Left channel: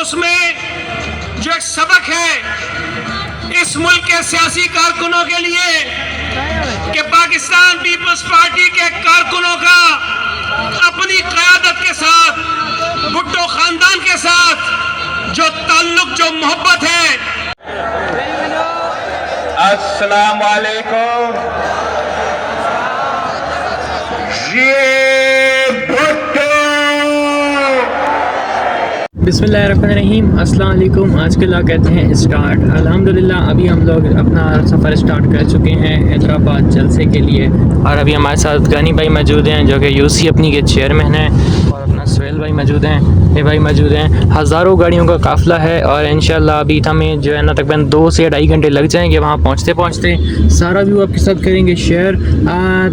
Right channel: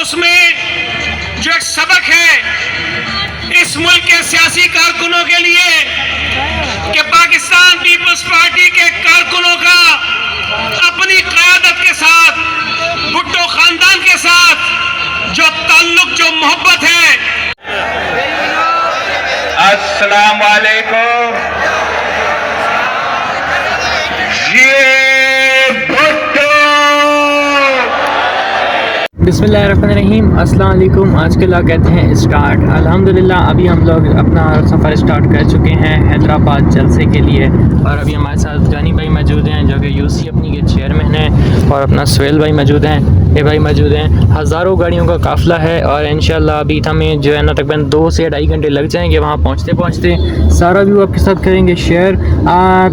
اس میں جو ایک سبق ہے اس ملک کے سیاسی کارکنوں کے لیے کہ پاکستان پیپلز پارٹی کے کارکنوں کا اپنی قیادت کے ساتھ بھٹو خاندان کے ساتھ جو تعلق، جو محبت ہے۔ السلام علیکم۔ بسم اللہ الرحمن الرحیم۔ السلام علیکم۔ آج کے لاگ کہتے ہیں اسٹارٹ۔ الحمدللہ ابھی ہم لوگ اپنا سفر اسٹارٹ کر چکے ہیں حیدرآباد جلسے کے لیے، اور ابھی ہمارے ساتھ غنی بھائی موجود ہیں جو کہ یو سی اپنی کے چیئرمین ہیں، اور اپنا سہیل بھائی موجود ہیں، یہ بھائی موجود ہیں۔ ہزاروں گاڑیوں کا قافلہ ہے، اور انشاءاللہ ابھی ہمیں جو ہے نا تقریباً 2 سے 2.5 گھنٹے لگ جائیں گے وہاں پہنچتے سارا ویو آپ کے ساتھ کریں گے شیئر۔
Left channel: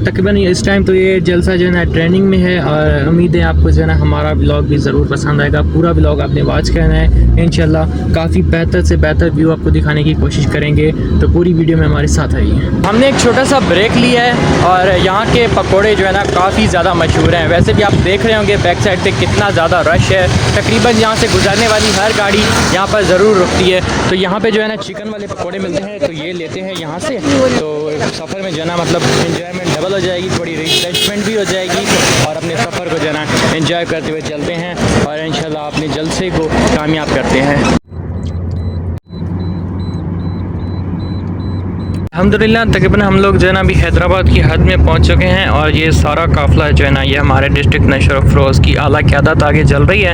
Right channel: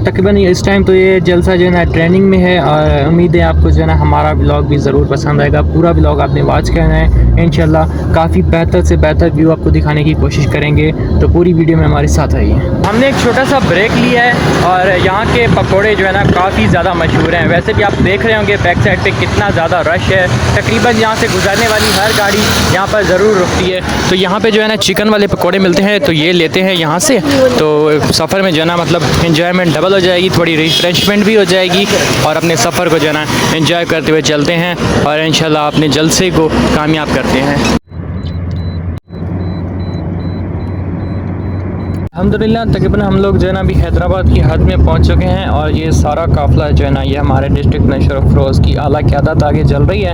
تقریباً اس ٹائم تو یہ جلسہ جو ہے نا ٹریننگ میں ہے، اور امید ہے آپ کو جو ہے نا ہمارا ولاگ بھی ضرور پسند آئے گا۔ پورا ولاگ آپ نے واچ کرنا ہے، انشاءاللہ کافی بہتر سے بہتر ویو آپ کو دکھانے کی کوشش کریں گے، تو پوری ویڈیو میں ہمارے ساتھ آئیے۔ ہم نے ایک چھوٹا سا بریک لیا ہے، اور یہاں کے پکوڑے جو ہے نا کافی زیادہ مشہور ہیں۔ ویسے بھی آپ دیکھ رہے ہوں گے بیک سائڈ پہ کتنا زیادہ رش ہے، تقریباً یہاں سے گزرنے والی ہر گاڑی یہاں پر ضرور رکتی ہے۔ تو یہاں پہ جو ہے نا چکن والے پکوڑے ملتے ہیں، تو یہ لیتے ہیں یہاں سے، تو سفر میں جو ہے نا مطلب انجوائمنٹ ڈبل ہو جائے گی، تھوڑی ریفریشمنٹ بھی ہو جائے گی، اور اپنے سفر کو جو ہے نا انجوائے کرتے ہوئے چلتے ہیں، اور انشاءاللہ اپنے جلسے کو کامیاب کرتے ہیں۔ الحمدللہ تقریباً ہم لوگ جو ہے نا ابھی حیدرآباد کی حد میں پہنچ چکے ہیں، اور یہ سارا قافلہ جو ہے نا یہ ہمارے ڈسٹرکٹ نشر افروز کی اعلیٰ قیادت آگے چل رہی ہے۔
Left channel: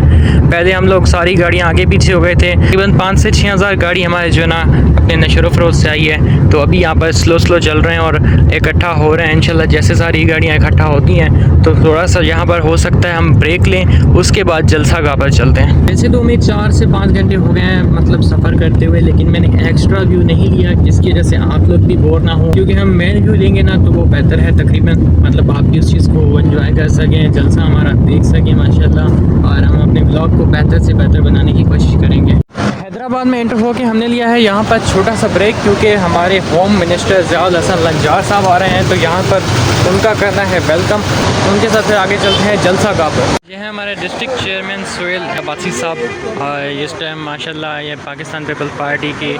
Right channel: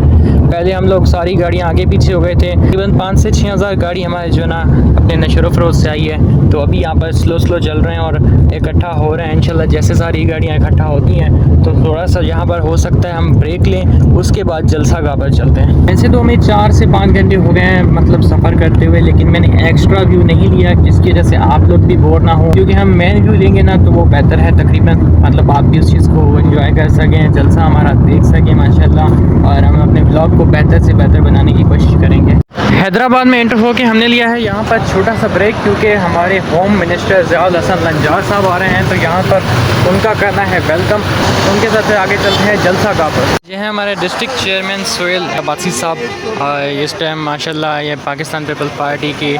پہلے ہم لوگ ساری گاڑیاں آگے پیچھے ہو گئے تھے، تقریباً 5 سے 6 ہزار گاڑی ہمارے جو ہے نا اپنے نشر افروز سے آئی ہے، تو ابھی یہاں پر سلو چل رہے ہیں اور اکٹھا ہو رہے ہیں۔ انشاءاللہ جیسے ساری گاڑیاں اکٹھا ہوتی ہیں تو تھوڑا سا یہاں پر ہو سکتا ہے ہم بریک لیں، اس کے بعد جلسہ گاہ پر چلتے ہیں۔ ویسے تو ہمیں 4 سے 5 گھنٹے ہو گئے ہیں مطلب سفر کرتے ہوئے، لیکن میں نے ایکسٹرا ویو نہیں لیا جس کی وجہ سے آپ لوگ بھی بور نہ ہوں، کیونکہ ہم مین ویو لیں گے نا تو وہ بہتر ہے، تقریباً مطلب آپ بھی اس چیز کو انجوائے کر سکیں، جلسہ ہمارا دیکھ سکیں ماشاءاللہ، اور ہم اپنے بلاگ کو بہتر سے بہتر بنانے کی کوشش کریں گے۔ حیدرآباد میں انٹر ہو کے ہم نے لیا ہے یہاں پر چھوٹا سا بریک، کیونکہ ہمارے ہوم منسٹر ضیاء الحسن لنجار صاحب آ رہے ہیں، تو یہاں پر ان کا کرنا ہے ویلکم، ان کے ساتھ پھر آگے چلتے ہیں جلسہ گاہ پر۔ یہ ہے ہمارے ڈسٹرکٹ چیئرمین سہیل عباسی صاحب، اور اس ٹائم ماشاءاللہ یہ پاکستان پیپلز پارٹی کے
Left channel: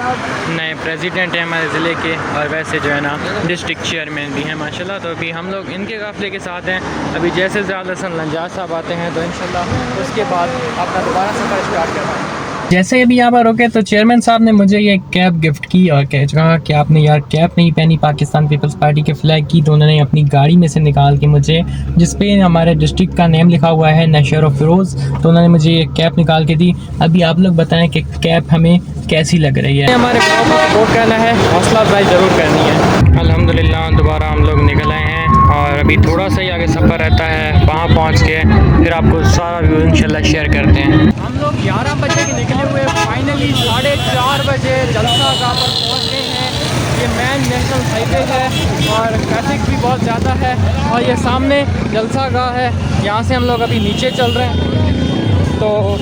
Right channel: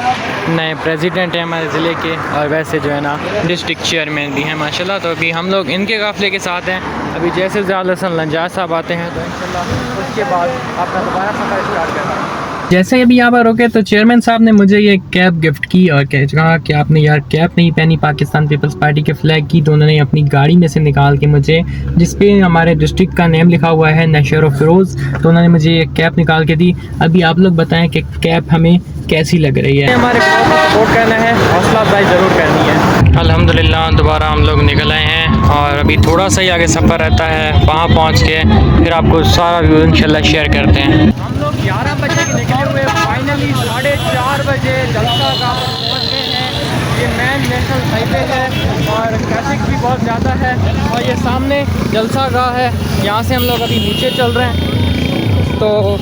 نئے پریزیڈنٹ ہیں ہمارے ضلع کے، اور ویسے جو ہے نا ڈسٹرکٹ چیئرمین بھی ہیں ماشاءاللہ، تو ابھی ہم لوگ ان کے قافلے کے ساتھ ہیں۔ ابھی جیسے ضیاء الحسن لنجار صاحب آتے ہیں تو انشاءاللہ اس کے بعد اپنا دوبارہ سفر اسٹارٹ کرتے ہیں۔ جیسے ابھی یہاں پر روکے تو چیئرمین صاحب نے مجھے یہ کیپ گفٹ کی، اور کہا کہ آپ نے یار کیپ نہیں پہنی پاکستان پیپلز پارٹی کے فلیگ کی، تو انہوں نے اپنی گاڑی میں سے نکال کے مجھے، جس پہ ہمارے ڈسٹرکٹ کا نیم لکھا ہوا ہے نشر افروز، تو انہوں نے مجھے یہ کیپ نکال کے دی۔ ابھی آپ لوگ بتائیں کہ کیپ ہمیں کیسی لگ رہی ہے۔ ہمارے بلاگ کو سپورٹ کرنا ہے، حوصلہ افزائی ضرور کرنی ہے۔ الحمدللہ دوبارہ ہم لوگ نکل آئے ہیں، اور ابھی تھوڑا سا ہی آگے سفر رہتا ہے، وہاں پہنچ کے پھر آپ کو سارا ویو انشاءاللہ شیئر کرتے ہیں۔ ہم لوگ 11 بجے کے نکلے ہوئے، فائنلی 4:30 بجے جلسہ گاہ پر پہنچ گئے ہیں۔ یہ مین نیشنل ہائی وے ہے، اور ٹریفک بھی بہت زیادہ ہے، اور یہ سامنے جلسہ گاہ ہے، یہاں سے ہم لوگ ابھی نیچے چل رہے ہیں۔ تو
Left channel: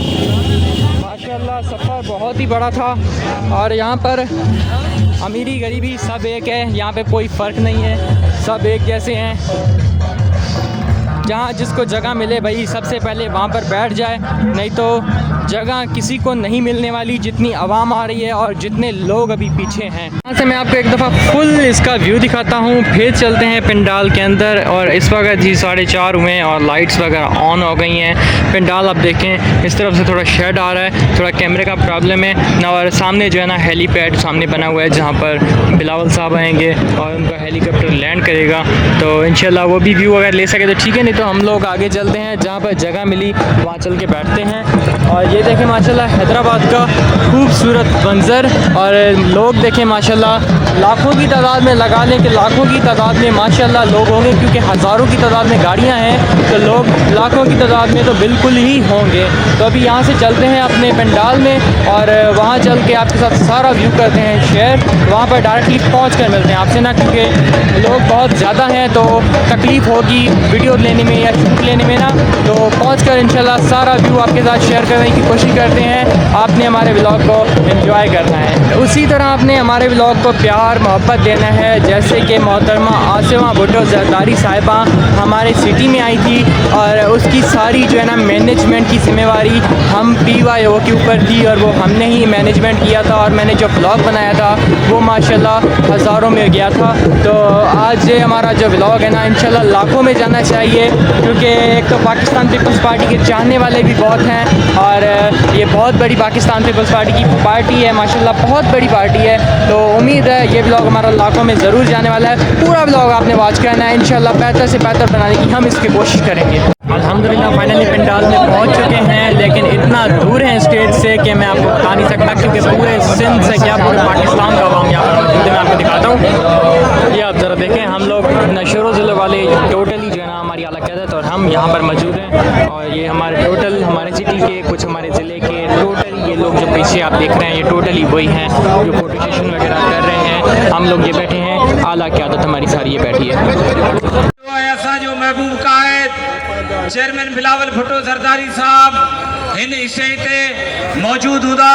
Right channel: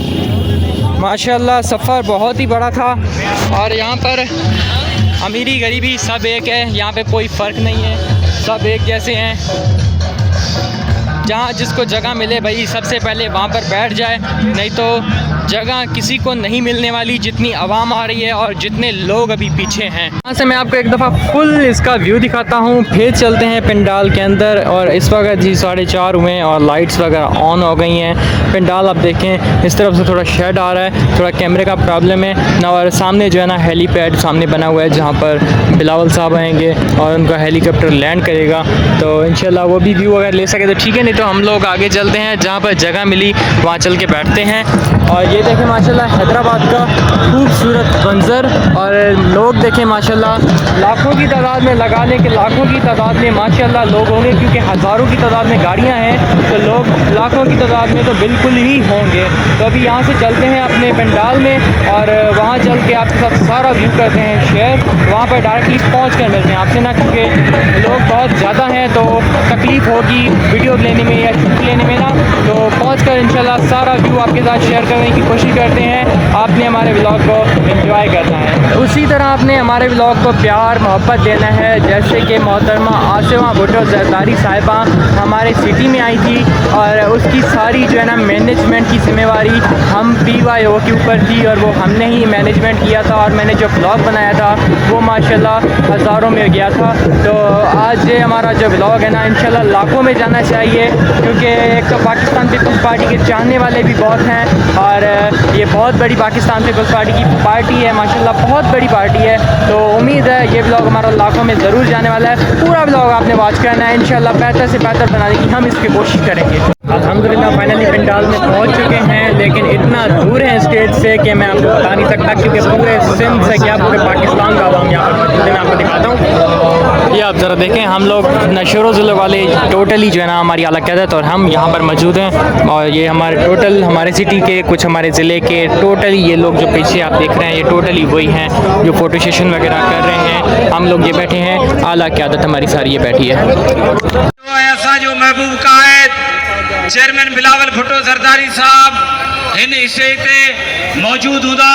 ماشاءاللہ سفر بہت ہی بڑا تھا، اور یہاں پر امیری غریبی سب ایک ہے، یہاں پہ کوئی فرق نہیں ہے، سب ایک جیسے ہیں۔ جہاں جس کو جگہ ملے بھائی سب سے پہلے وہاں پر بیٹھ جائے، نہیں تو جگہ کسی کو نہیں ملنے والی، جتنی عوام آ رہی ہے اور جتنے لوگ ابھی پیچھے ہیں۔ یہاں سے میں آپ کو ایک دفعہ فل اس کا ویو دکھاتا ہوں، پھر چلتے ہیں پنڈال کے اندر، اور اس وقت جی 4:30 ہوئے ہیں، اور لائٹس وغیرہ آن ہو گئی ہیں۔ پنڈال آپ دیکھیں اس طرف سے تھوڑا شیڈ آ رہا ہے، تھوڑا کیمرے کا پرابلم ہے، اور سامنے جو ہے نا ہیلی پیڈ سامنے بنا ہوا ہے جہاں پر بلاول صاحب آئیں گے اور ان کا ہیلی کاپٹر لینڈ کرے گا، تو انشاءاللہ وہ بھی ویو اگر لے سکے تو ٹھیک ہے، نہیں تو ہم لوگ آگے چلتے ہیں، جہاں پر جگہ ملی وہاں چل کے بیٹھتے ہیں۔ اور یہ دیکھیں ماشاءاللہ حیدرآباد کا خوبصورت منظر، اور لوگ دیکھیں ماشاءاللہ لاکھوں کی تعداد میں، لگا لیں کہ لاکھوں کی تعداد میں ماشاءاللہ لوگ ہوں گے، کیونکہ ہزاروں کی تعداد میں گاڑیاں ہیں، تو لوگ لاکھوں کی تعداد میں تو بالکل ہی ہوں گے۔ تو ابھی یہاں سے چلتے ہیں اپنے پنڈال میں، اور وہاں چل کے آپ کے ساتھ سارا ویو کرتے ہیں شیئر، وہاں پر ڈائریکٹلی پہنچ کر ملتے ہیں آپ سے نا، کیونکہ لوگ بہت زیادہ ہیں تو تکلیف ہوگی ویڈیو لینے میں یا شوٹ لینے میں نا، تو پہنچ کر انشاءاللہ سارا ویو آپ کے ساتھ شیئر کرنے کی کوشش کرتے ہیں. آپ نے ہمارے ولاگ کو انجوائے کرنا ہے. اسی طرح آپ نے ہمارے ولاگ کو پیار محبت دینا ہے. جیسے کہ محترمہ آصفہ بھٹو زرداری صاحبہ ہمارے سٹی میں آئی تھی اور اس کی ساری جو ہے نا مینجمنٹ کی ذمہ داری ہم PYO کے اوپر تھی اور وہ ہم نے ہی مینجمنٹ کیا تھا. اور میں نے جو ولاگ بنایا تھا وہ ماشاءاللہ ہزاروں میں گیا تھا. تو آج یہ ہمارا جو ولاگ ہے نا انشاءاللہ لاکھوں میں جانا چاہیے، کیونکہ ایک تو پاکستان پیپلز پارٹی کے چاہنے والے بھی بہت ہیں اور یہ بہت بڑی پاکستان پیپلز پارٹی کی پارٹی ہے، ماشاءاللہ بہت بڑی پارٹی ہے. تو امید ہے یہ ولاگ ہمارا لاکھوں میں ضرور جانے والا ہے. پورا ولاگ آپ نے واچ کرنا ہے، انشاءاللہ بہتر سے بہتر بنانے کی ہم اس کی کوشش کریں گے. الحمدللہ فائنلی پنڈال میں پہنچ چکے ہیں، لیکن اتنا دور ہے اسٹیج سے کہ میں آپ کو بتا نہیں سکتا، کیونکہ پورے سندھ سے کیا پورے پاکستان کا عوام یہاں پر موجود ہے. میں آپ کو دکھاتا ہوں، یہ آپ ذرا دیکھیں. ہم لوگ نشور و ضلع والے ٹوٹلی جو ہے نا ہماری اعلیٰ قیادت اور ہم یہاں پر موجود ہیں، اور یہ ہمارے ٹوٹل ہمارے سٹی کے کچھ ہمارے ضلع کے ٹوٹلی یہ لوگ جو پیچھے آپ دیکھ رہے ہیں یہ ٹوٹلی وہی ہیں جو فوٹو سیشن وغیرہ کر رہے ہیں. ہم لوگ یہ بیٹھے ہیں، اعلیٰ قیادت ہماری ساری یہ بیٹھی ہے. ایسا جو محبوب قائد چیئرمین بلاول بھٹو زرداری صاحب ہن حصے تے موجود ہوندا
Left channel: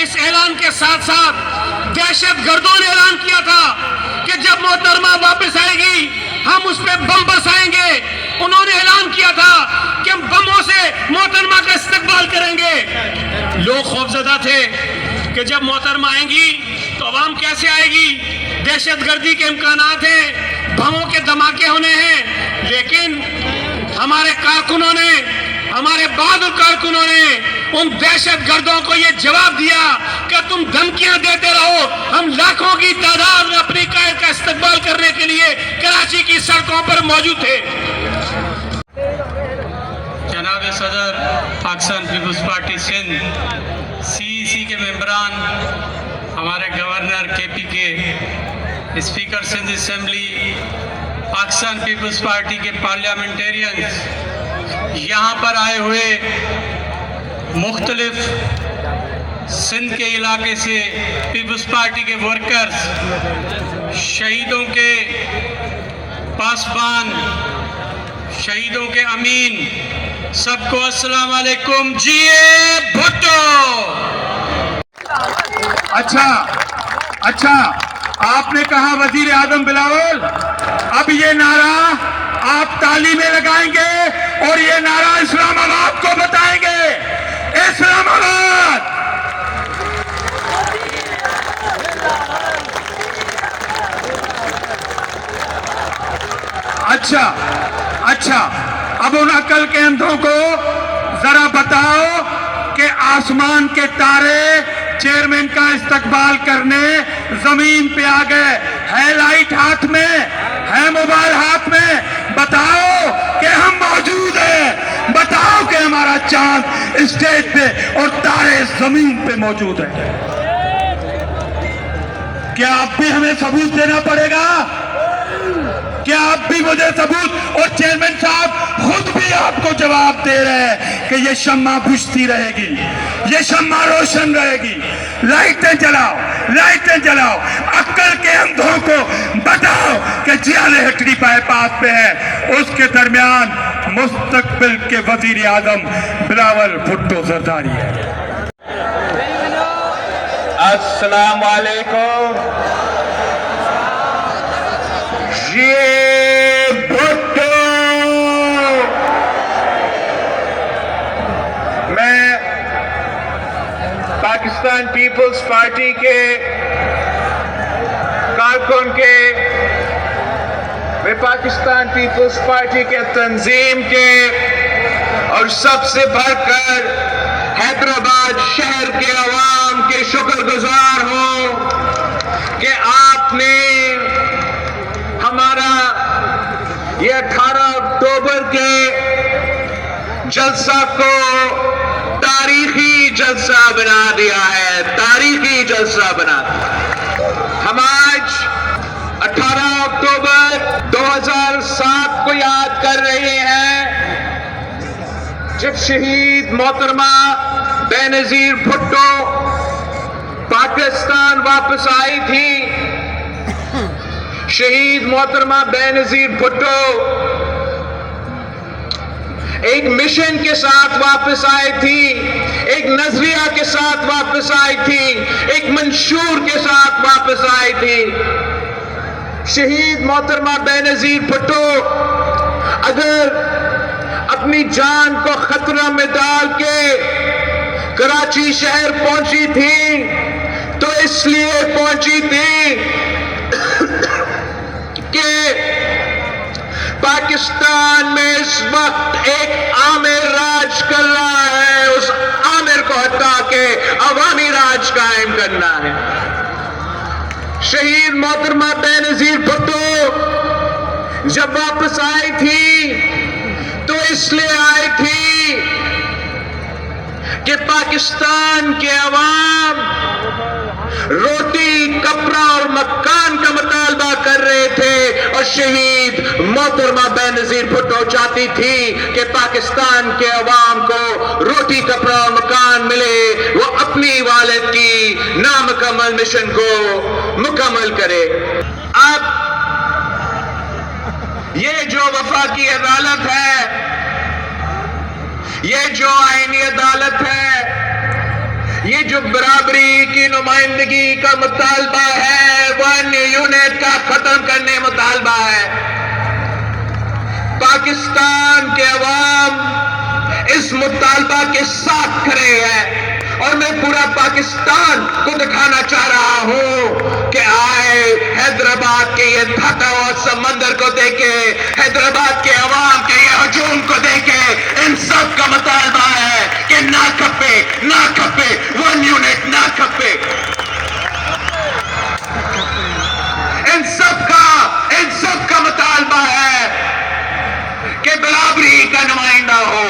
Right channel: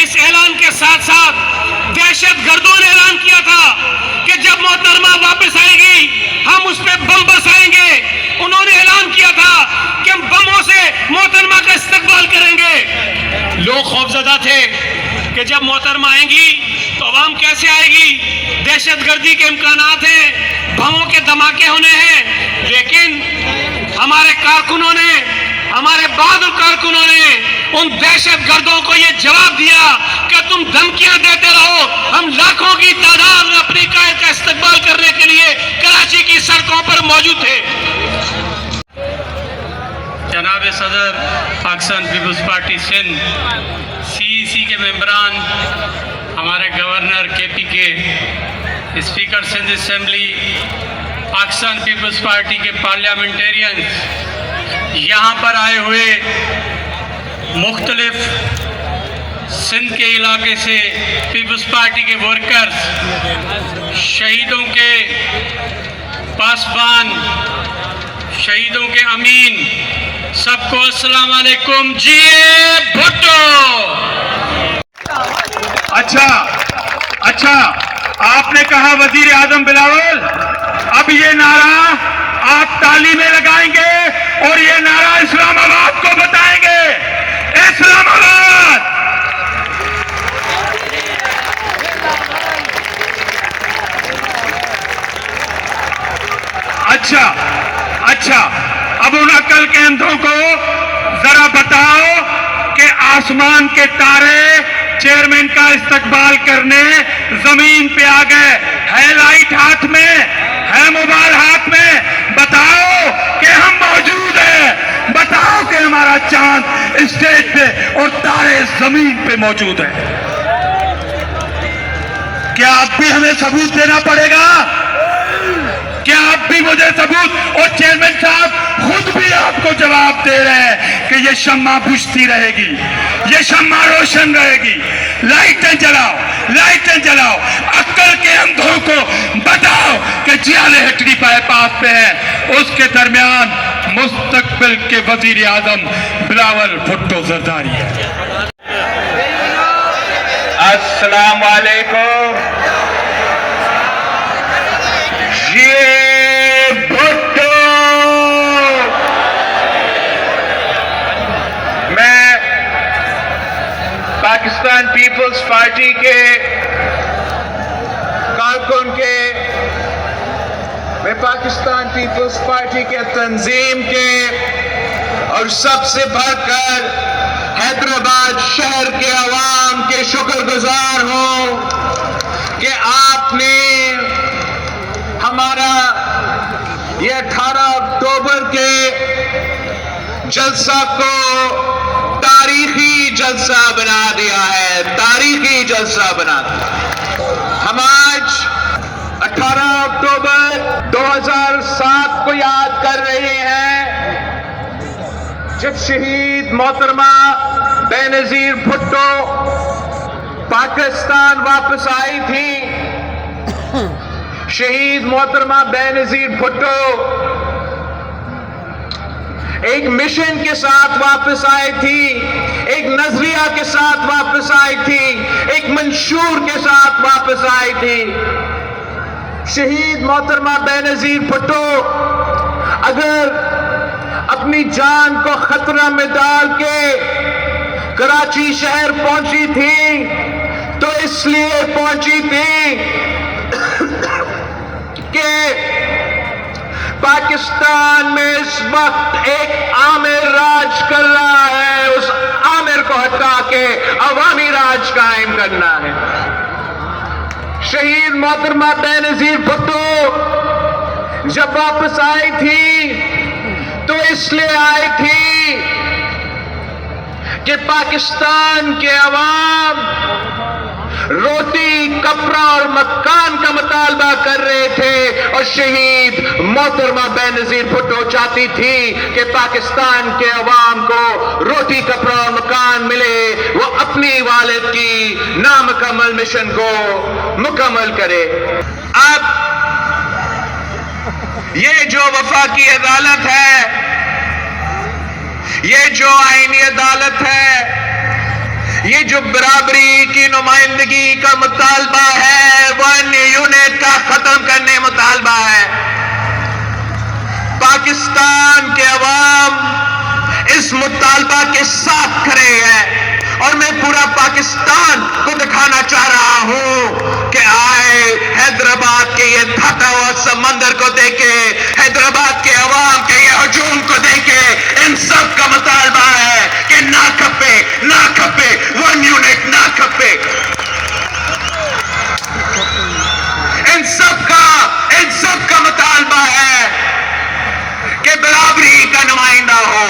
اس اعلان کے ساتھ ساتھ دہشت گردوں نے اعلان کیا تھا کہ جب محترمہ واپس آئے گی ہم اس پہ بم برسائیں گے. انہوں نے اعلان کیا تھا کہ ہم بموں سے محترمہ کا استقبال کریں گے. لوگ خوفزدہ تھے کہ جب محترمہ آئیں گی تو عوام کیسے آئے گی, دہشت گردی کے امکانات ہیں, بموں کے دھماکے ہونے ہیں. لیکن ہمارے کارکنوں نے, ہمارے بہادر کارکنوں نے ان دہشت گردوں کو یہ جواب دیا کہ تم دھمکیاں دیتے رہو, ہم لاکھوں کی تعداد میں اپنی قائد کا استقبال کرنے کے لیے کراچی کی سڑکوں پر موجود تھے. جناب صدر پاکستان پیپلز پارٹی سندھ CEC کے ممبران, ہمارے گورنر KP کے, اسپیکر سندھ اسمبلی, پاکستان پیپلز پارٹی کے پارلیمنٹیرینز, یہاں پر آئے ہوئے مختلف سندھ کے علاقے سے پیپلز پارٹی کے ورکرز, شہیدوں کے پاسبان, شہیدوں کے امین, سب کو السلام علیکم. جی بھٹو. اچھا آپ نے کہا وزیر اعظم بلاول, اب یہ نعرہ آپ تالی میں لگائیں گے اور یہ نعرہ اسلام آباد کو بتائیں گے. اسلام آباد. اچھا اب ان عقل کے اندھوں کو ذرا بتاؤ کہ آسمان کے تارے چیئرمین کا استقبال کرنے زمین پہ آ گئے. ہے لائٹ ہاتھ میں, ہے موبائل ہاتھ میں, بتاؤ کہ ہم موجود ہیں, بتاؤ کہ ہمارا چاند اسٹیج پہ اور تارے زمین پہ موجود ہیں. کیا اب بھی ہمیں ثبوت دینا پڑے گا؟ کیا آپ بھی مجھے ثبوت, اور چیئرمین صاحب خود بھی آپ کو جواب دے رہے ہیں کہ یہ شمع بجھتی رہے گی, یہ شمع روشن رہے گی. لائٹیں جلاؤ. عقل کے اندھوں کو بتاؤ کہ جیالے ہٹڑی بائی پاس پہ ہے, اس کے درمیان مستقبل کے وزیر اعظم بلاول بھٹو زرداری ہے. السلام علیکم. میں پاکستان پیپلز پارٹی کے کارکن میں پاکستان پیپلز پارٹی کے تنظیم کے اور سب سے بڑھ کر حیدرآباد شہر کے عوام کے شکر گزار ہوں کہ آپ نے ہمارا یہ 18 اکتوبر کے جلسہ کو تاریخی جلسہ بنا دیا ہے. تاریخی جلسہ بنا دیا. ہم آج 18 اکتوبر 2007 کو یاد کر رہے ہیں جب شہید محترمہ بے نظیر بھٹو پاکستان واپس آئی تھی. شہید محترمہ بے نظیر بھٹو ایک مشن کے ساتھ واپس آئی تھی, ایک نظریہ کے ساتھ واپس آئی تھی, ایک منشور کے ساتھ واپس آئی تھی. شہید محترمہ بے نظیر بھٹو اگر اپنی جان کو خطرہ میں ڈال کے کراچی شہر پہنچی تھی تو اس لیے پہنچی تھی کہ پاکستان میں اس وقت ایک عامر راج کر رہا ہے, اس عامر کو ہٹا کے عوامی راج قائم کرنا ہے. شہید محترمہ بے نظیر بھٹو جب واپس آئی تھی تو اس لیے آئی تھی کہ پاکستان کے عوام روٹی, کپڑا اور مکان کا مطالبہ کر رہے تھے اور شہید محترمہ بے نظیر بھٹو چاہتی تھی کہ پاکستان کے عوام کو روٹی, کپڑا اور مکان ملے, وہ اپنی والد کی نامکمل مشن کو مکمل کرے. اب یہ جو وفاقی عدالت ہے, یہ جو آئینی عدالت ہے, یہ جو برابری کی نمائندگی کا مطالبہ ہے، 1 یونٹ کا ختم کرنے مطالبہ ہے۔ پاکستان کے عوام اس مطالبہ کے ساتھ کھڑے ہیں، اور میں پورا پاکستان کو دکھانا چاہ رہا ہوں کہ آئے حیدرآباد کے یہ تھکا ہوا سمندر کو دیکھے، حیدرآباد کے عوام کے یہ ہجوم کو دیکھے۔ ان سب کا مطالبہ ہے کہ نہ کھپے، نہ کھپے، 1 یونٹ نہ کھپے۔ ان سب کا مطالبہ ہے کہ برابری کا نمائندہ ہو۔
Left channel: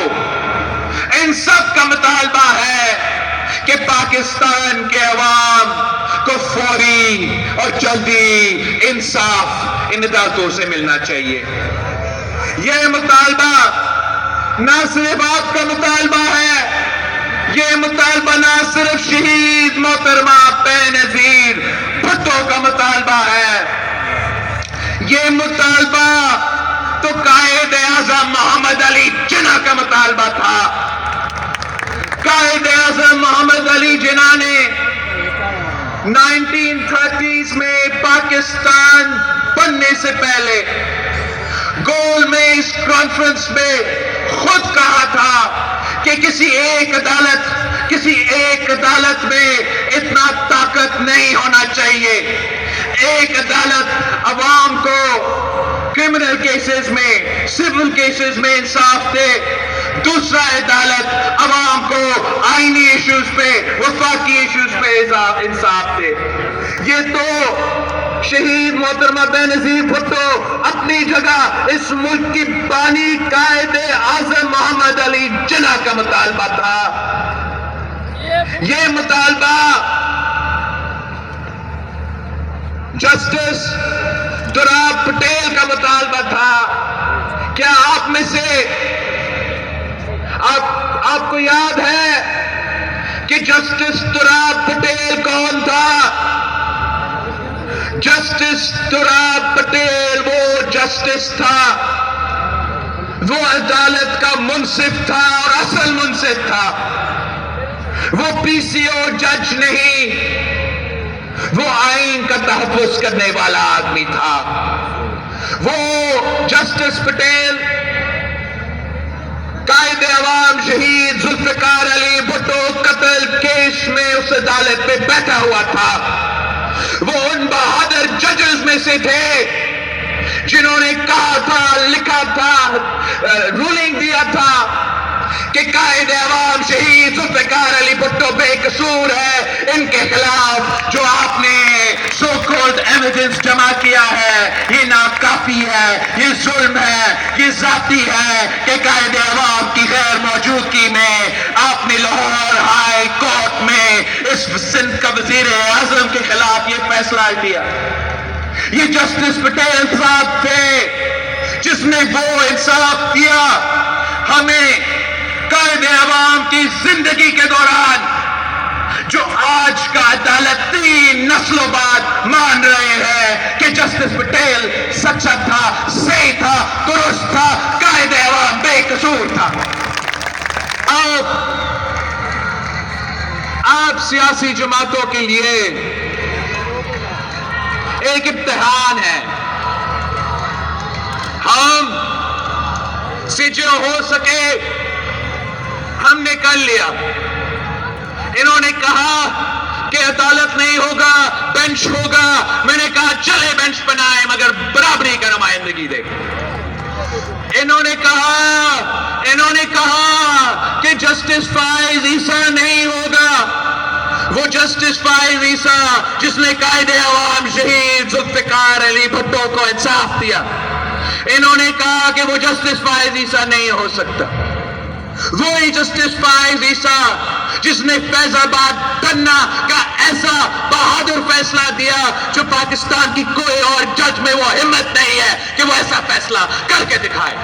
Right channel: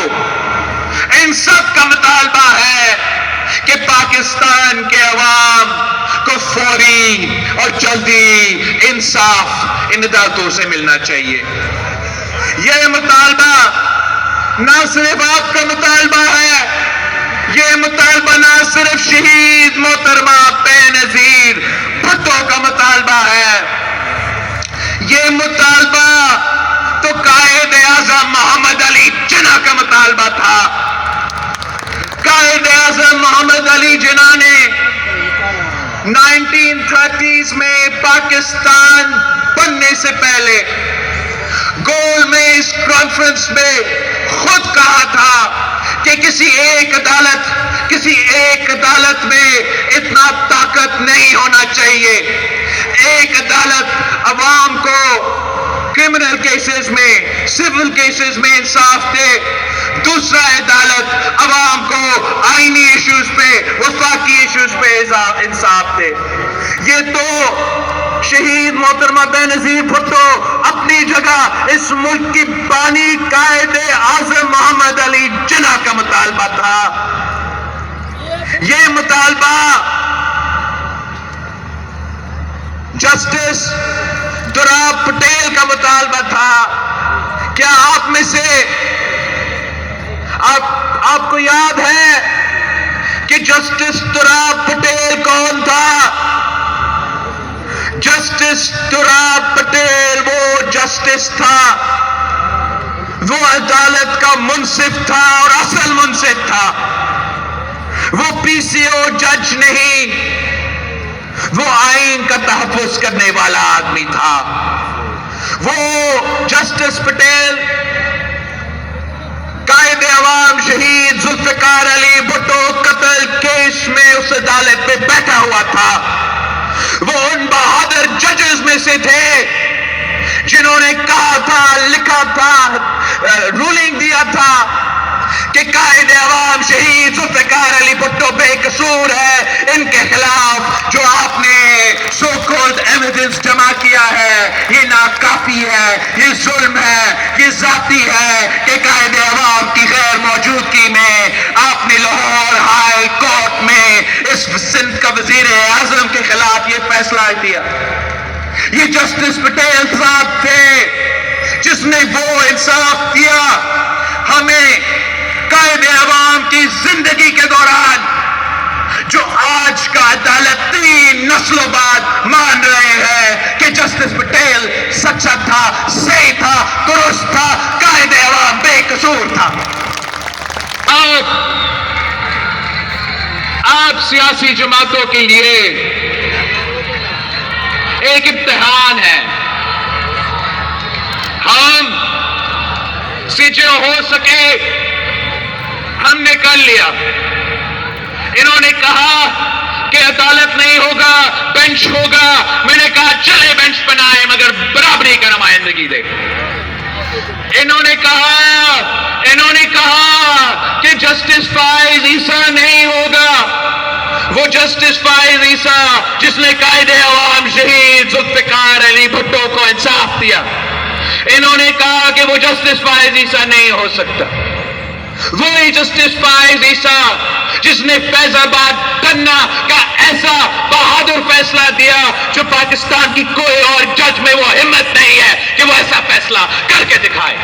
ان سب کا مطالبہ ہے کہ پاکستان کے عوام کو فوری اور جلدی انصاف ان عدالتوں سے ملنا چاہیے۔ یہ مطالبہ نہ صرف آپ کا مطالبہ ہے، یہ مطالبہ نہ صرف شہید محترمہ بے نظیر بھٹو کا مطالبہ ہے، یہ مطالبہ تو قائد اعظم محمد علی جناح کا مطالبہ تھا۔ قائد اعظم محمد علی جناح نے 1930s میں پاکستان بننے سے پہلے گول میز کانفرنس میں خود کہا تھا کہ کسی ایک عدالت میں اتنا طاقت نہیں ہونا چاہیے۔ ایک عدالت عوام کو کرمنل کیسز میں، سول کیسز میں انصاف دے، دوسرا عدالت عوام کو آئینی ایشوز پہ، وفاقی ایشوز پہ انصاف دے۔ یہ تو شہید محترمہ بے نظیر بھٹو اپنی جگہ اس ملک کی بانی قائد اعظم محمد علی جناح کا مطالبہ تھا۔ یہ مطالبہ جسٹس دوراب پٹیل کا مطالبہ تھا۔ کیا آپ میں سے آپ کو یاد ہے کہ جسٹس دوراب پٹیل کون تھا؟ جسٹس دوراب پٹیل وہ جسٹس تھا، وہ عدالت کا منصف تھا اور اصل منصف تھا۔ وہ پی سی او جج نہیں، وہ آئین کا تحفظ کرنے والا آدمی تھا۔ وہ جسٹس پٹیل قائد عوام شہید ذوالفقار علی بھٹو قتل کیس میں اس عدالت پہ بیٹھا ہوا تھا۔ وہ ان بہادر ججز میں سے تھے جنہوں نے کہا تھا، لکھا تھا، رولنگ دیا تھا کہ قائد عوام شہید ذوالفقار علی بھٹو بے قصور ہے، ان کے خلاف جو آپ نے سو کالڈ ایویڈنس جمع کیا ہے یہ ناکافی ہے، یہ ظلم ہے، یہ ذاتی ہے کہ قائد عوام کی غیر موجودگی میں آپ نے لاہور ہائی کورٹ میں اس سندھ کا وزیر اعظم کے خلاف یہ فیصلہ دیا۔ یہ جسٹس پٹیل صاحب تھے جس نے وہ انصاف دیا ہمیں قائد عوام کی زندگی کے دوران، جو آج کا عدالت 3 نسلوں بعد مان رہے ہیں کہ جسٹس پٹیل سچا تھا، صحیح تھا، درست تھا، قائد عوام بے قصور تھا۔ آپ سیاسی جماعتوں کے لیے ایک امتحان ہے۔ ہم سے جو ہو سکے ہم نے کر لیا۔ انہوں نے کہا کہ عدالت نہیں ہوگا، بینچ ہوگا۔ میں نے کہا چلے بینچ بنائے مگر برابری کا نمائندگی دے۔ انہوں نے کہا کہ جسٹس فائز عیسیٰ نہیں ہوگا، وہ جسٹس فائز عیسیٰ جس نے قائد عوام شہید ذوالفقار علی بھٹو کو انصاف دیا۔ انہوں نے کہا کہ وہ جسٹس فائز عیسیٰ نہیں ہو سکتا۔ وہی جسٹس فائز عیسیٰ جس نے فیض آباد بننا کا ایسا بہادر فیصلہ دیا جو پاکستان کی کوئی اور جج میں وہ ہمت نہیں ہے کہ وہ ایسا فیصلہ کر کے دکھائے۔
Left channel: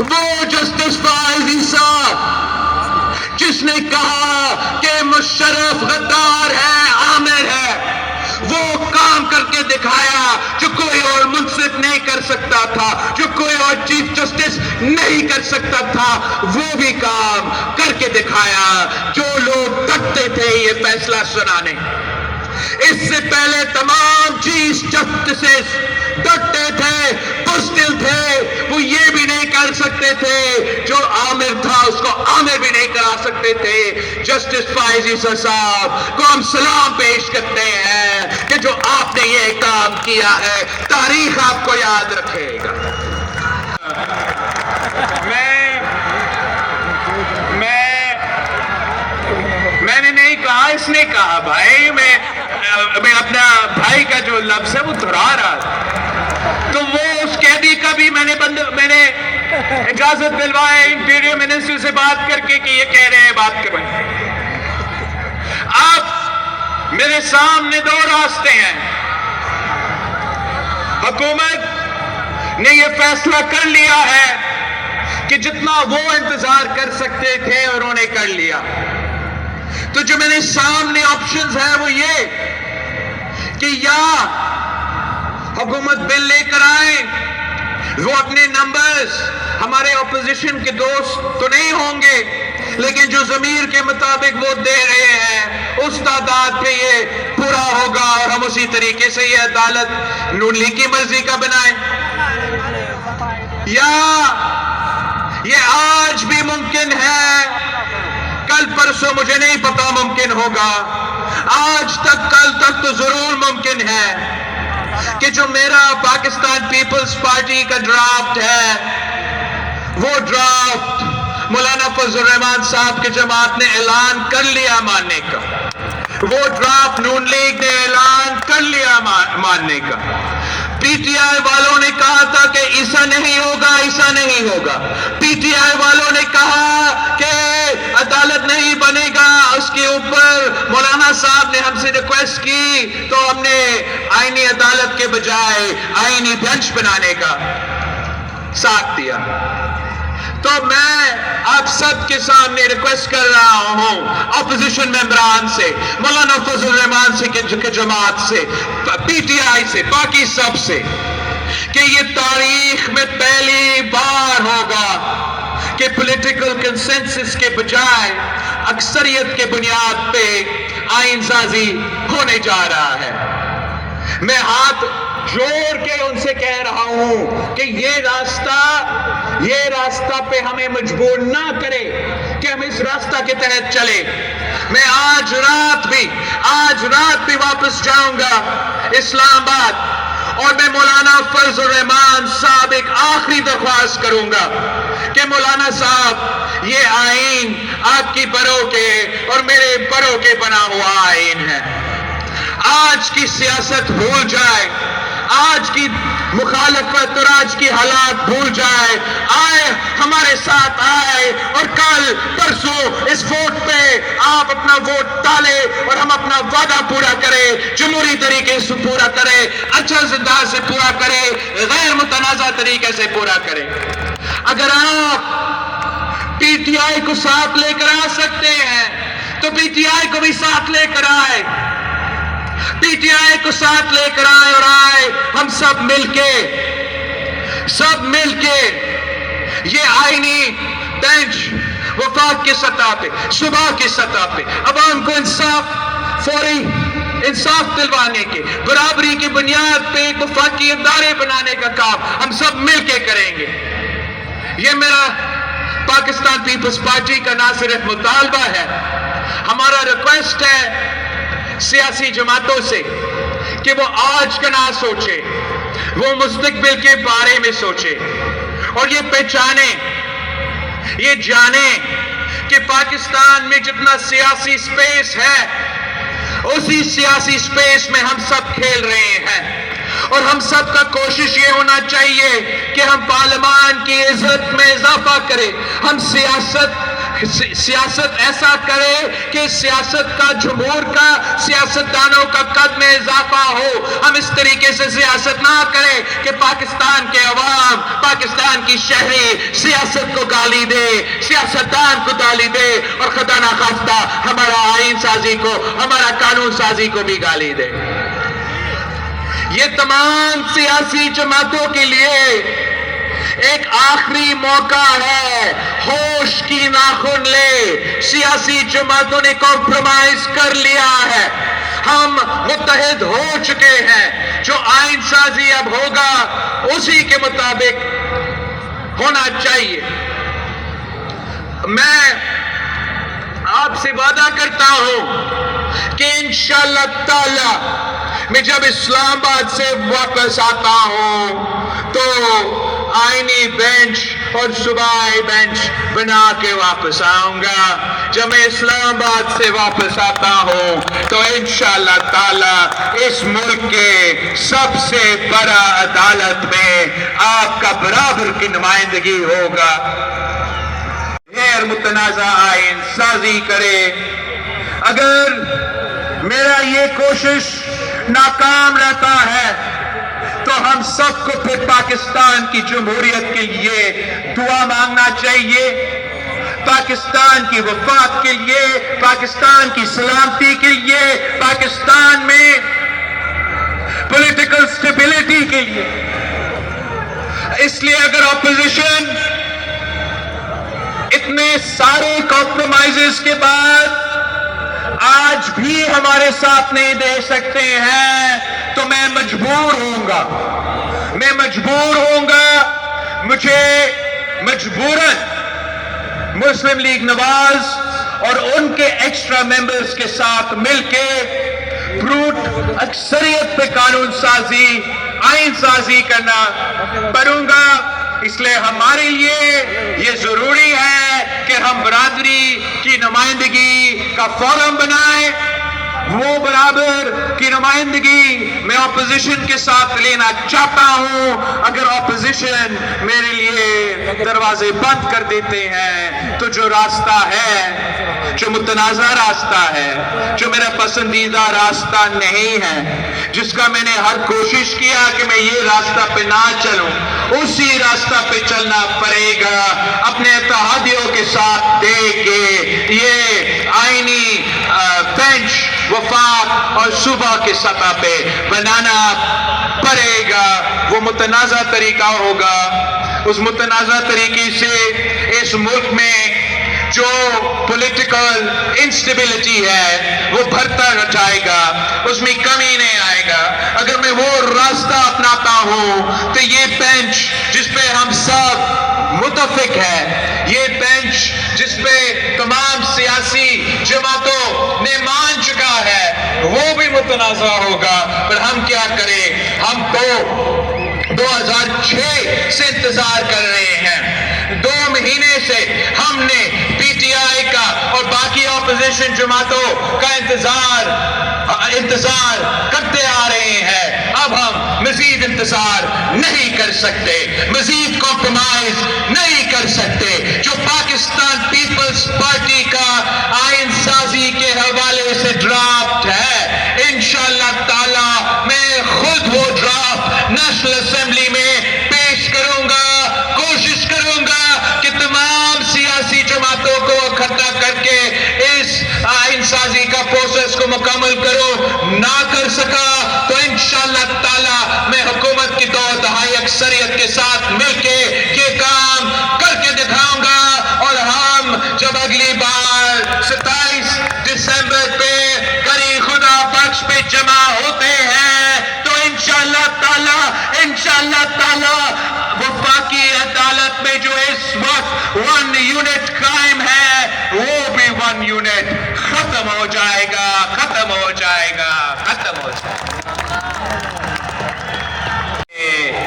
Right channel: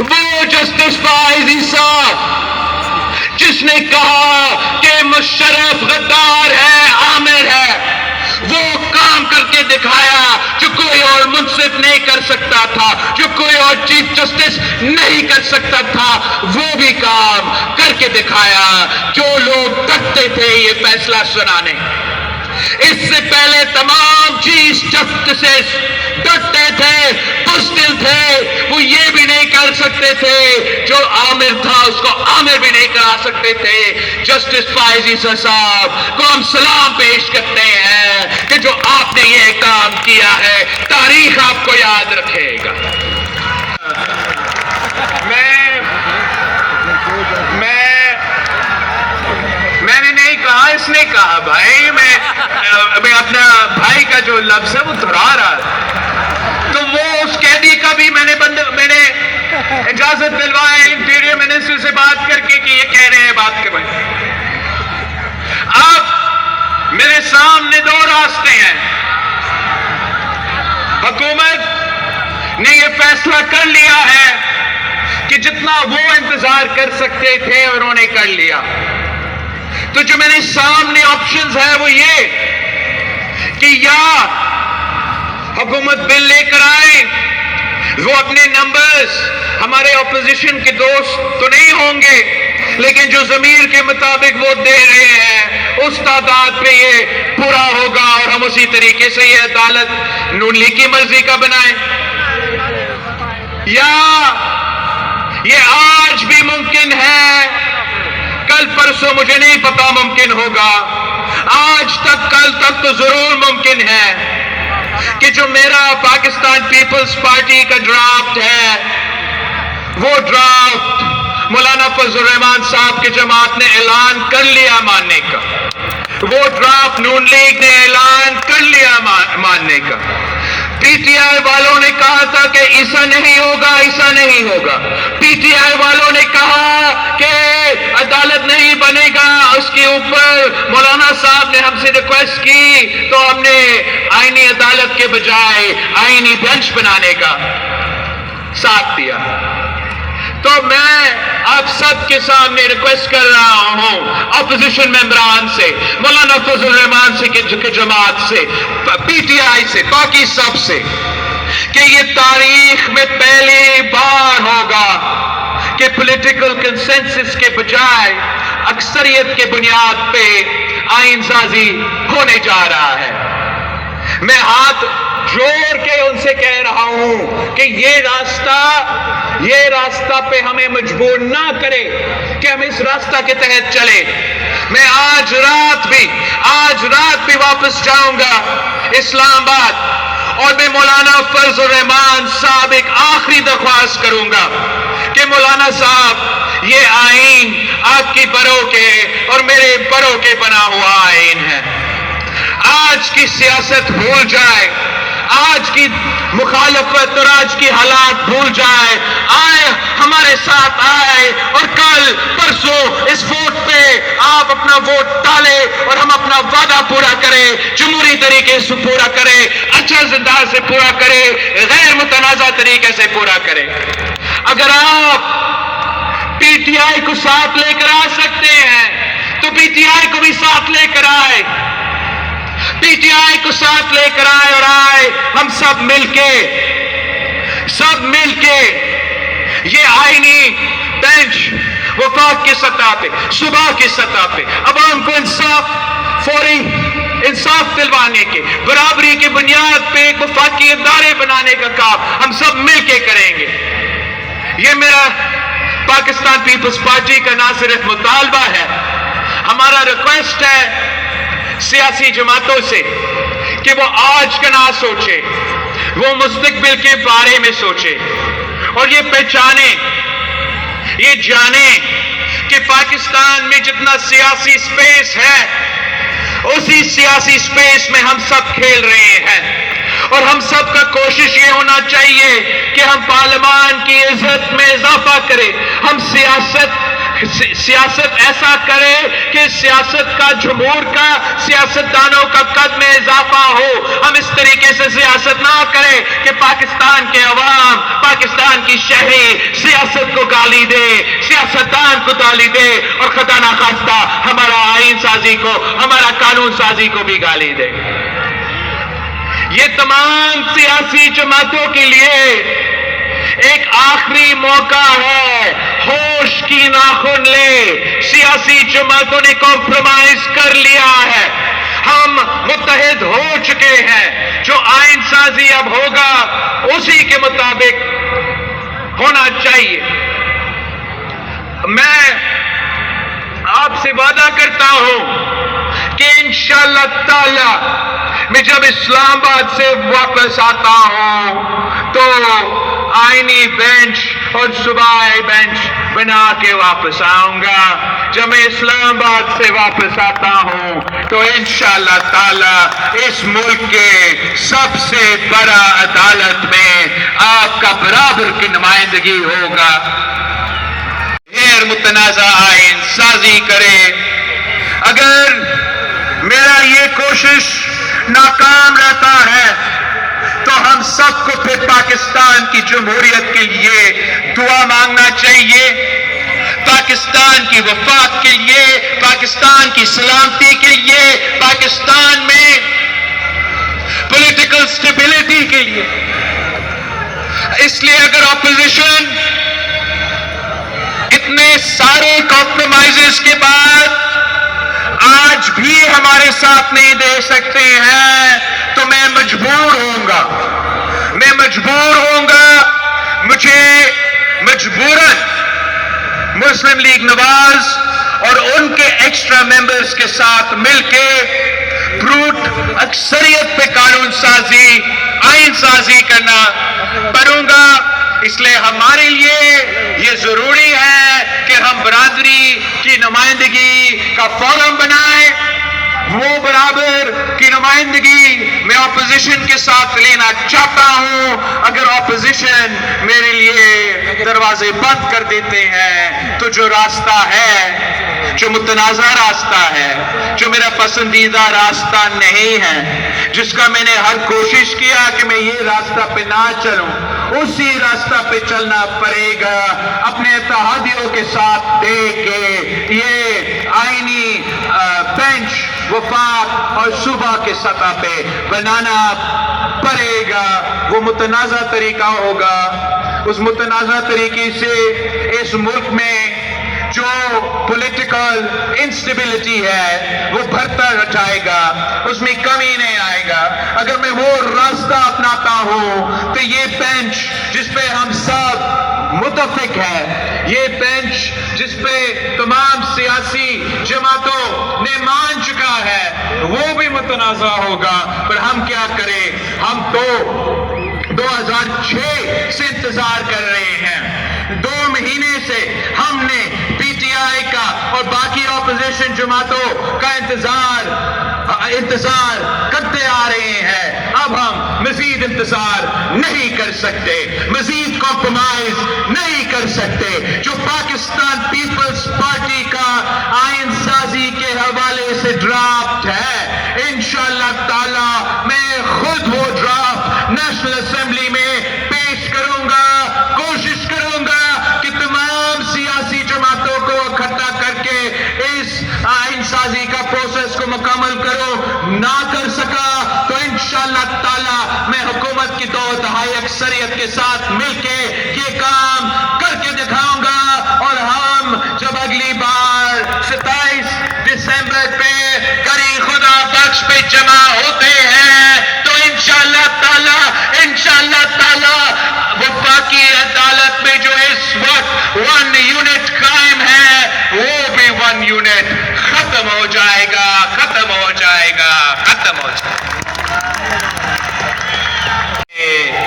وہ جسٹس فائز عیسیٰ جس نے کہا کہ مشرف غدار ہے، عامر ہے، وہ کام کر کے دکھایا جو کوئی اور منصف نہیں کر سکتا تھا, جو کوئی اور چیف جسٹس نہیں کر سکتا تھا, وہ بھی کام کر کے دکھایا. جو لوگ ڈرتے تھے یہ فیصلہ سنانے, اس سے پہلے تمام چیف جسٹسز ڈرتے تھے, بزدل تھے, وہ یہ بھی نہیں کر سکتے تھے, جو عامر تھا اس کو عامر بھی نہیں کرا سکتے تھے. جسٹس فائز عیسی صاحب کو ہم سلام پیش کرتے ہیں کہ جو آپ نے یہ کام کیا ہے, تاریخ آپ کو یاد رکھے گا. میں نے نہیں کہا, اس نے کہا. بھائی میں اپنا بھائی کا جو لفظ ہے وہ دہرا رہا, تو وہ اس قیدی کا بھی میں نے اجازت دلوایا انٹیریئر منسٹر سے بات کر کے کہ یہ کہہ رہے ہیں, بات کر رہے ہیں. اب میرے سامنے دو راستے ہیں. حکومت نے یہ فیصلہ کر لیا ہے کہ جتنا وہ انتظار کر سکتے تھے انہوں نے کر لیا. تو جو میرے سامنے آپشنز ہے وہ یہ کہ یا حکومت بل لے کر آئے, وہ اپنے نمبرز ہمارے اپوزیشن کے دوست تو نہیں ہوں گے, لیکن جو ضمیر کے مطابق وہ دے رہے ہیں اس تعداد پہ یہ پورا ہوگا, اور ہم اسی طریقے سے یہ عدالت نون لیگ کی مرضی کا بنائیں. یا یہ آج بھی ممکن ہے, کل پرسوں مجھے نہیں پتا ممکن ہوگا, آج تک کل تک تو ضرور ممکن ہے کہ جو میرا پاکستان پیپلز پارٹی کا ڈرافٹ ہے وہ ڈرافٹ مولانا فضل الرحمان صاحب کی جماعت نے اعلان کر لیا ماننے کا, وہ ڈرافٹ نون لیگ نے اعلان کر لیا ماننے کا. پی ٹی آئی والوں نے کہا تھا کہ ایسا نہیں ہوگا, ایسا نہیں ہوگا. پی ٹی آئی والوں نے کہا کہ عدالت نہیں بنے گا, اس کے اوپر مولانا صاحب نے ہم سے ریکویسٹ کی تو ہم نے آئینی عدالت کے بجائے آئینی بینچ بنانے کا ساتھ دیا. تو میں آپ سب کے سامنے ریکویسٹ کر رہا ہوں اپوزیشن ممبران سے, مولانا فضل الرحمان سے کی جماعت سے, پی ٹی آئی سے, باقی سب سے, کہ یہ تاریخ میں پہلی بار ہوگا کہ پولیٹیکل کنسنسس کے بجائے اکثریت کے بنیاد پہ آئین سازی ہونے جا رہا ہے. میں ہاتھ جوڑ کے ان سے کہہ رہا ہوں کہ یہ راستہ پہ ہمیں مجبور نہ کرے کہ ہم اس راستہ کے تحت چلے. میں آج رات بھی واپس جاؤں گا اسلام آباد, اور میں مولانا فضل الرحمان صاحب ایک آخری درخواست کروں گا کہ مولانا صاحب یہ آئین آپ کی بروں کے اور میرے بروں کے بنا ہوا آئین ہے. آج کی سیاست بھول جائے, آج کی مخالفت اور آج کی حالات بھول جائے, آئے ہمارے ساتھ آئے اور کل پرسوں اس ووٹ پہ آپ اپنا ووٹ ڈالے اور ہم اپنا وعدہ پورا کریں, جمہوری طریقے سے پورا کریں, اچھا انداز سے پورا کریں, غیر متنازع طریقے سے پورا کریں. اگر آپ پی ٹی آئی کو ساتھ لے کر آ سکتے ہیں تو پی ٹی آئی کو بھی ساتھ لے کر آئے, پی ٹی آئی کو ساتھ لے کر آئے, اور آئے ہم سب مل کے یہ آئینی بینچ وفاق کی سطح پہ, صوبہ کی سطح پہ عوام کو فوری انصاف دلوانے کے, برابری کی بنیاد پہ ایک وفاقی ادارے بنانے کا کام ہم سب مل کے کریں گے. یہ میرا پاکستان پیپلز پارٹی کا نہ صرف مطالبہ ہے, ہمارا ریکویسٹ ہے سیاسی جماعتوں سے کہ وہ آج کا نہ سوچے, وہ مستقبل کے بارے میں سوچے, اور یہ پہچانے, یہ جانے کہ پاکستان میں جتنا سیاسی سپیس ہے اسی سیاسی سپیس میں ہم سب کھیل رہے ہیں, اور ہم سب کا کوشش یہ ہونا چاہیے کہ ہم پارلیمان کی عزت میں اضافہ کریں, ہم سیاست ایسا کرے کہ سیاست کا جمہور کا, سیاستدانوں کا قد میں اضافہ ہو. ہم اس طریقے سے سیاست نہ کریں کہ پاکستان کے عوام, پاکستان کی شہری سیاست کو گالی دے, سیاستدان کو گالی دے, اور خدا نخواستہ ہمارا آئین سازی کو, ہمارا قانون سازی کو بھی گالی دے. یہ تمام سیاسی جماعتوں کے لیے ایک آخری موقع ہے. ہوش کی ناخن لے. سیاسی جماعتوں نے کمپرومائز کر لیا ہے. ہم متحد ہو چکے ہیں. جو آئین سازی اب ہوگا اسی کے مطابق ہونا چاہیے. میں آپ سے وعدہ کرتا ہوں کہ انشاءاللہ تعالی میں جب اسلام آباد سے واپس آتا ہوں تو آئینی بینچ اور صوبائی بینچ بنا کے واپس آؤں گا. جب میں اسلام آباد سے واپس آتا ہوں تو انشاءاللہ تعالی اس ملک کے سب سے بڑا عدالت میں آپ کا برابر کی نمائندگی ہوگا. غیر متنازع آئین سازی کرے. اگر میرا یہ کوشش ناکام رہتا ہے تو ہم سب کو پھر پاکستان کی جمہوریت کے لیے دعا مانگنا چاہیے. پاکستان کی وفاق کے لیے, پاکستان کی سلامتی کے لیے, پاکستان میں پولیٹیکل سٹیبلٹی کے لیے. اس لیے اگر اپوزیشن اتنے سارے کمپرومائزز کے بعد آج بھی ہمارے ساتھ نہیں دے سکتے ہیں تو میں مجبور ہوں گا. مجھے مجبوراً مسلم لیگ نواز اور ان کے ایکسٹرا ممبرز کے ساتھ مل کے بروٹ اکثریت پہ قانون سازی, آئین سازی کرنا پڑوں گا. اس لیے ہمارے لیے یہ ضروری ہے کہ ہم برادری کی نمائندگی کا فورم بنائیں. وہ برابر کی نمائندگی میں اپوزیشن کے ساتھ لینا چاہتا ہوں. اگر اپوزیشن میرے لیے دروازے بند کر دیتے ہیں تو جو راستہ ہے, جو متنازع راستہ ہے, جو میرا پسندیدہ راستہ نہیں ہے, جس کا میں نے ہر کوشش کیا کہ میں یہ راستہ پہ نہ چلوں, اسی راستہ پہ چلنا پڑے گا. اپنے اتحادیوں کے ساتھ دے کے یہ آئینی بینچ وفاق اور صوبہ کے سطح پہ بنانا پڑے گا. وہ متنازع طریقہ ہوگا. اس متنازع طریقے سے اس ملک میں جو پولیٹیکل انسٹیبلٹی ہے وہ بھرتا جائے گا, اس میں کمی نہیں آئے گا. اگر میں وہ راستہ اپناتا ہوں تو یہ بینچ جس پہ ہم سب متفق ہے, یہ بینچ جس پہ تمام سیاسی جماعتوں نے مان چکا ہے, وہ بھی متنازع ہوگا. پر ہم کیا کریں؟ ہم تو 2006 سے انتظار کر رہے ہیں. 2 مہینے سے ہم نے پی ٹی آئی کا اور باقی اپوزیشن جماعتوں کا انتظار کرتے آ رہے ہیں. اب ہم مزید انتظار نہیں کر سکتے, مزید کمپرومائز نہیں کر سکتے. جو پاکستان پیپلز پارٹی کا آئین سازی کے حوالے سے ڈرافٹ ہے, انشاءاللہ تعالی میں خود وہ ڈرافٹ نیشنل اسمبلی میں پیش کروں گا. کوشش کروں گا کہ تمام سیاسی جماعتوں کو اکٹھا کر کے اس آئین سازی کا پروسیس کو مکمل کروں. نہ کر سکا تو انشاءاللہ تعالی میں حکومت کی 2/3 اکثریت کے ساتھ مل کے یہ کام کر کے دکھاؤں گا. اور ہم جب اگلی بار 27 دسمبر پہ کری خدا بخش پہ جمع ہوتے ہیں تو انشاءاللہ تعالی وفاقی عدالت میں جو اس وقت 1 یونٹ قائم ہے وہ بھی 1 یونٹ ختم ہو جائے گا.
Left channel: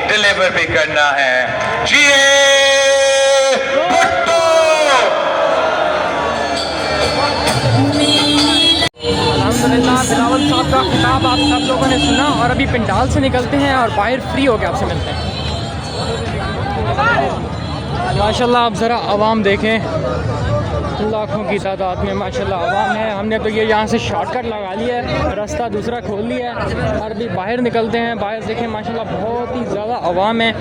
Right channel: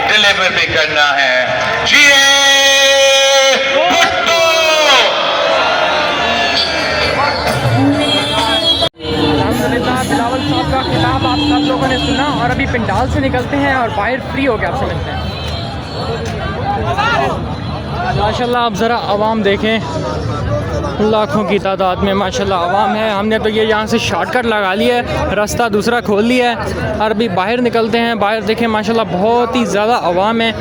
ڈیلیور بھی کرنا ہے. الحمدللہ بلاول صاحب کا خطاب آپ سب لوگوں نے سنا, اور ابھی پنڈال سے نکلتے ہیں اور باہر فری ہو کے آپ سے ملتے ہیں. ماشاءاللہ آپ ذرا عوام دیکھیں, لاکھوں کی تعداد میں ماشاءاللہ عوام ہے. ہم نے تو یہ یہاں سے شارٹ کٹ لگا لیا ہے, راستہ دوسرا کھول لیا ہے, اور ابھی باہر نکلتے ہیں. باہر دیکھیں ماشاءاللہ بہت ہی زیادہ عوام ہے.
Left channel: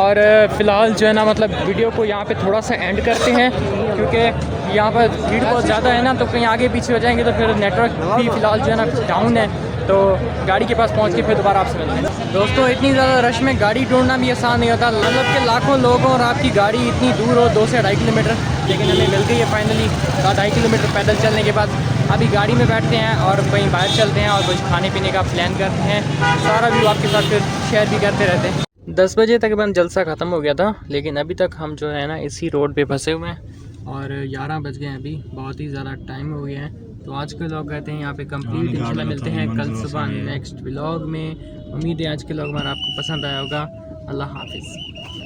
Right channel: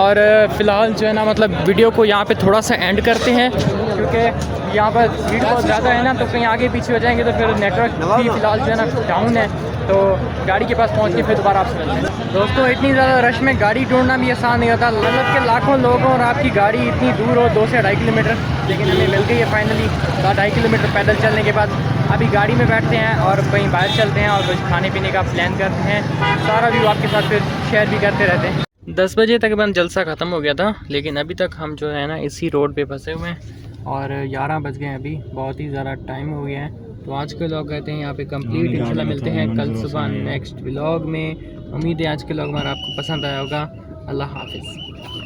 اور فی الحال جو ہے نا مطلب ویڈیو کو یہاں پہ تھوڑا سا اینڈ کرتے ہیں, کیونکہ یہاں پر بھیڑ بہت زیادہ ہے نا, تو کہیں آگے پیچھے ہو جائیں گے تو پھر نیٹ ورک بھی فی الحال جو ہے نا ڈاؤن ہے. تو گاڑی کے پاس پہنچ کے پھر دوبارہ آپ سے ملتے ہیں. دوستوں اتنی زیادہ رش میں گاڑی ڈھونڈنا بھی آسان نہیں ہوتا, مطلب کہ لاکھوں لوگ ہوں اور آپ کی گاڑی اتنی دور ہو 2 سے 2.5 کلومیٹر, لیکن ہمیں مل گئی ہے فائنلی. 2.5 کلومیٹر پیدل چلنے کے بعد ابھی گاڑی میں بیٹھتے ہیں اور کہیں باہر چلتے ہیں اور کچھ کھانے پینے کا پلان کرتے ہیں. سارا ویو آپ کے ساتھ پھر شیئر بھی کرتے رہتے ہیں. 10 بجے تقریباً جلسہ ختم ہو گیا تھا, لیکن ابھی تک ہم جو ہے نا اسی روڈ پہ پھنسے ہوئے ہیں اور 11 بج گئے ہیں ابھی, بہت ہی زیادہ ٹائم ہو گیا ہے. تو آج کے لوگ کہتے ہیں یہاں پہ کمپلیٹ. انشاءاللہ ملتے ہیں کل صبح نیکسٹ ولاگ میں. امید ہے آج کے لوگ ہمارا آپ کو پسند آیا ہوگا. اللہ حافظ.